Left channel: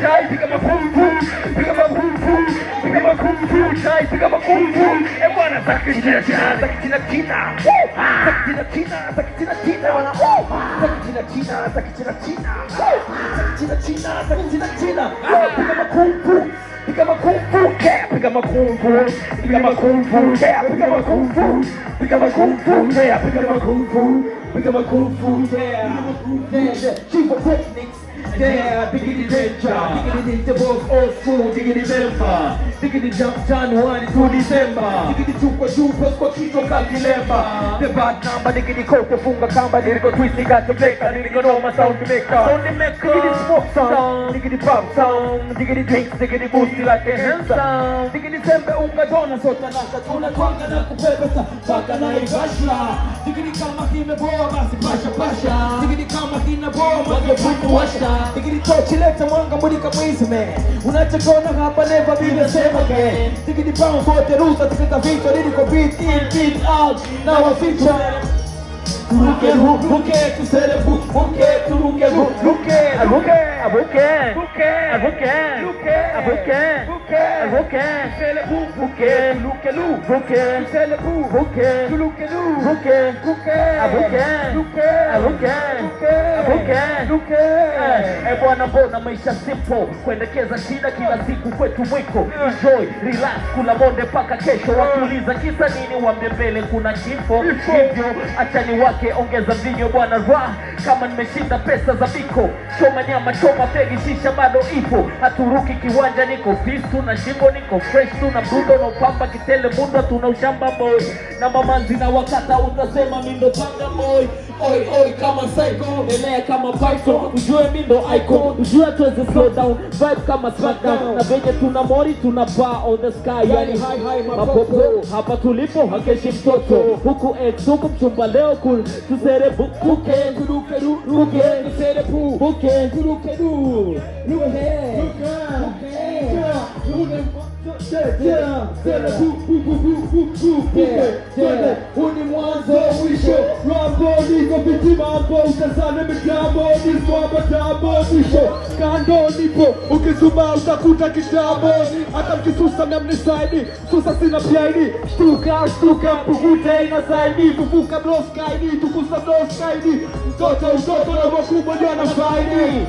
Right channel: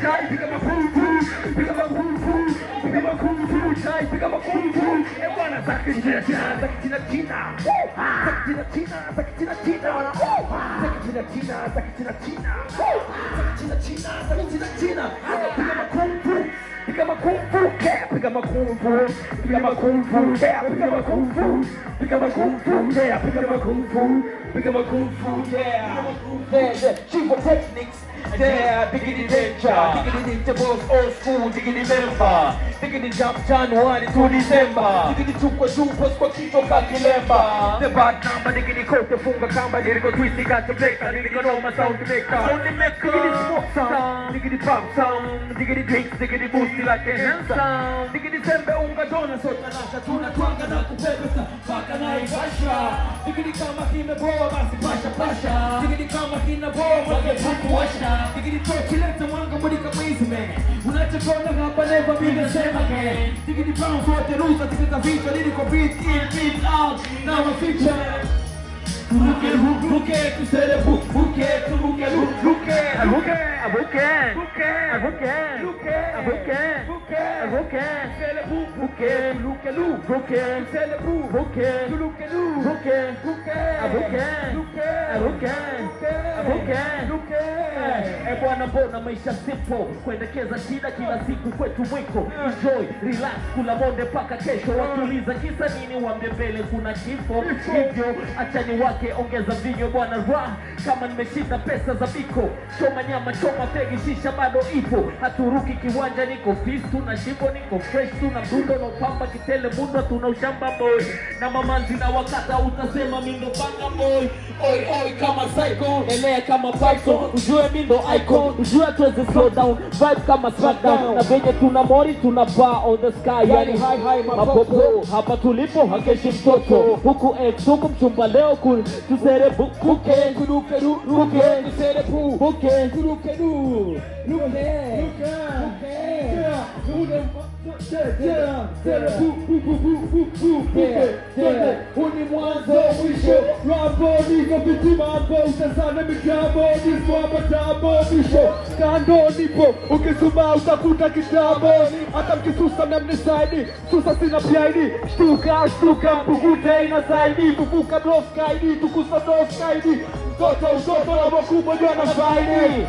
chai, piga makung fu, piga makung fu, piga makung fu chai, piga makung fu. Bwana sakitina tina, sakitina tina, sakitina tina, sakitina tina, sakitina tina, sakitina tina, sakitina tina, sakitina tina. Piga makung fu. Piga makung fu, piga makung fu, piga makung fu, piga makung fu, piga makung fu, piga makung fu, piga makung fu, chief of techniques. Yeah, diggity danger, diggity intervals, old school, diggity melba, diggity jump January to December, diggity chupa chupas kwa kito kakilemba. The bad number, diggity koko funga kamba, diggity twisty got to break, and diggity know my sound to make up. Diggity smoke sound, diggity pop sound, diggity drinks, diggity booty like a hamster. Diggity sembe unga dona sota nasha, tuna twanga na kupepeta, baka na igasha. Diggity kama kime boa basi pasha pasha, diggity kama kime boa mage buku washa. Diggity tochi leta mwanga mudika mwizi me, unachakona hapa never be the same again. Diggity bounce wote rusa, tikita vichwa, nilika beat in, beat out, now a feature. Ruke, ruke, tu sere bu, ruke, tu ruke, ruke, ruke, ruke, ruke, ruke, ruke, ruke, ruke, sere bu, ruke, ruke, ruke, sere bu, ruke, ruke, ruke, ruke, ruke, ruke, ruke, ruke. Bwana mbona maisha simple, kuendekeza shida kila siku kwetu mwiko. Enjoy, relax, kula monde paka kesho. Wakuuliza kisa nini wambie mbele kuna kifo. Hivyo achani wake ongeza vinyo bwana raha. Kama nimeshinda pesa za biko, choma nyama choma fegi shisha bado ipo. Haturuki kiwanja niko fistu na shimbo niko fresh tu na mdundo na upamba kitele mundo tuna ushamba boy. Na mamanzi na wakata utasema mindo panga boy. Oi oi kama psycho, elea kama python. Ujue mindo icon, ujue tuweze slow down. Vibe kama smackdown, na venye tuna mori tuna bar on the sky. Yani high high mapopo, hapa tulipo hakeshi mtoto. Huku huku mchumba leo cool. Tusere buke, ruke, ruke, tusere buke, ruke, ruke, Huni mwanzo mwisho Rambo niko biti mambo Utazame migambo Niso abatabo mwisho Kando nipo Ukisuma utakuta kitabo Hata mkisusa na mnisaidi Susa sina piaidi Stuka Pukute ina zaidi Pufuka bloskaidi Tukusa bloskaidi Mtoto na wakubwa jana faidi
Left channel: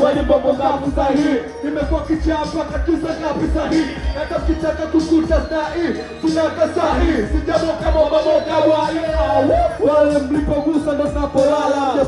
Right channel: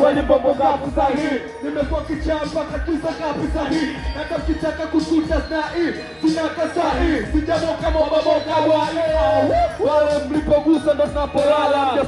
Kwani bongo ngapi sahi Nimekuwa kichapa Katusa ngapi sahi Hata kitaka kukuta sahi Tunaka sahi Sijamo kama wabamoka wale Wale mlipogusa ndo napolala